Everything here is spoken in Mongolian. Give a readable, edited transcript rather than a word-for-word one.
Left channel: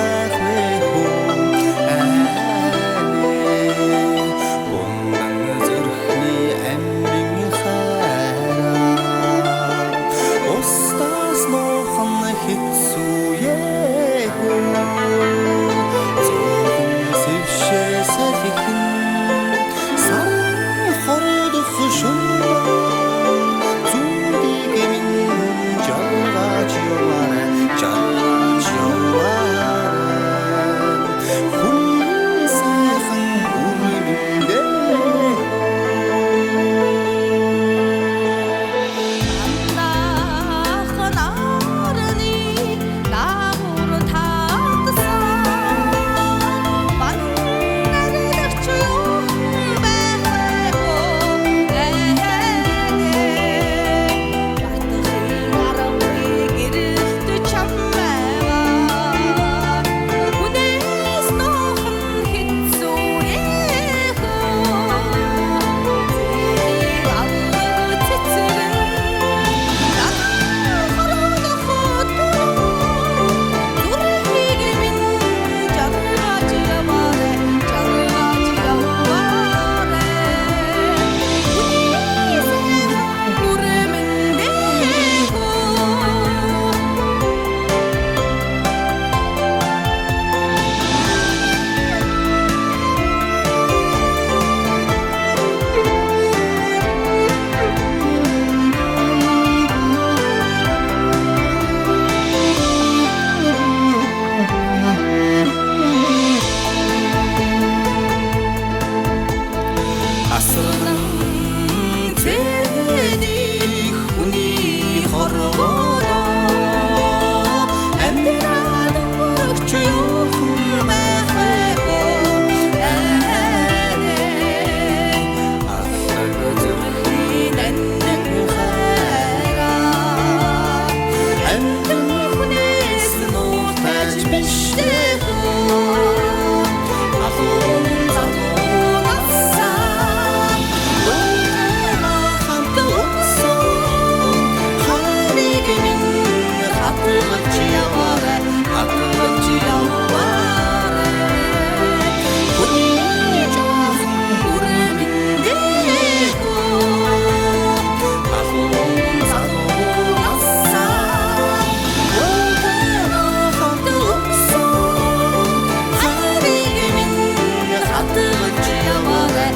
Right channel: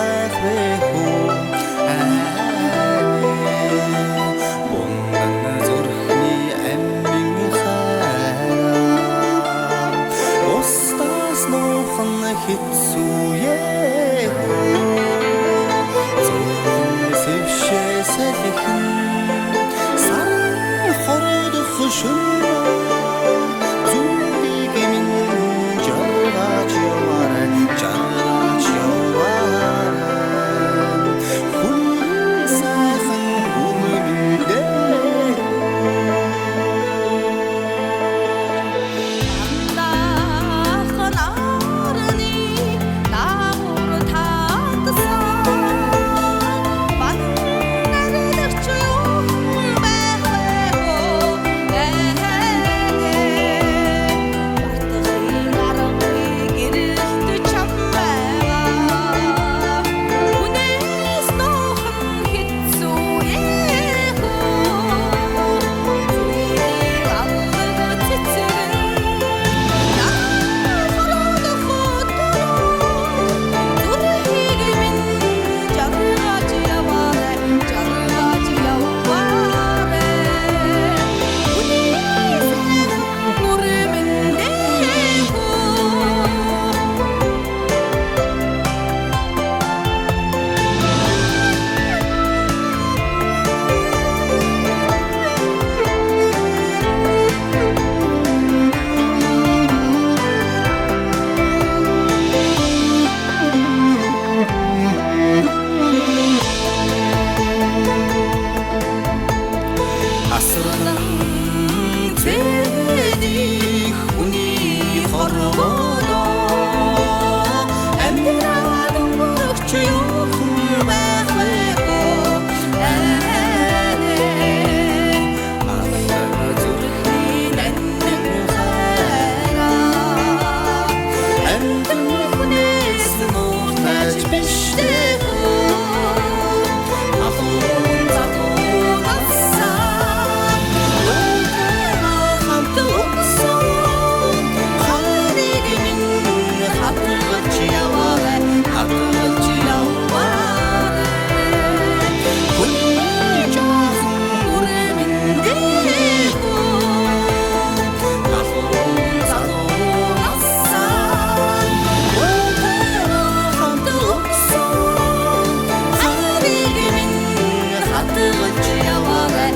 байх вэ хөө бундан зүрхний амин хайраа устас нохон хэцүүе хөө зовлон сэвшээ салхин саран хордох шөнөөр зүудийг минь жаргаж яваар хүний сайхан үрмэндээ мандахан арны наагур таатсан манарлагч юу байх вэ бартахын аргагүй гэрэлт чамайгаа хүнээс нохон хэцүүе зүрийг алга цэцгэн надад хородох зүрхийг минь жаргаж яваарэ хүний сайхан үрмэндээ асран зэдих хүний хорводоо амьдраад өнгөрөх юу байх вэ аллаг зүрхний нандин хайраа амтэн хүнээс нуутаж биштэй алуун залуунаас хатгаж яваарэ хүний жаахан үрмэндээ алуун залуунаас хамт өгсөн хариг минь хатгаж яваарэ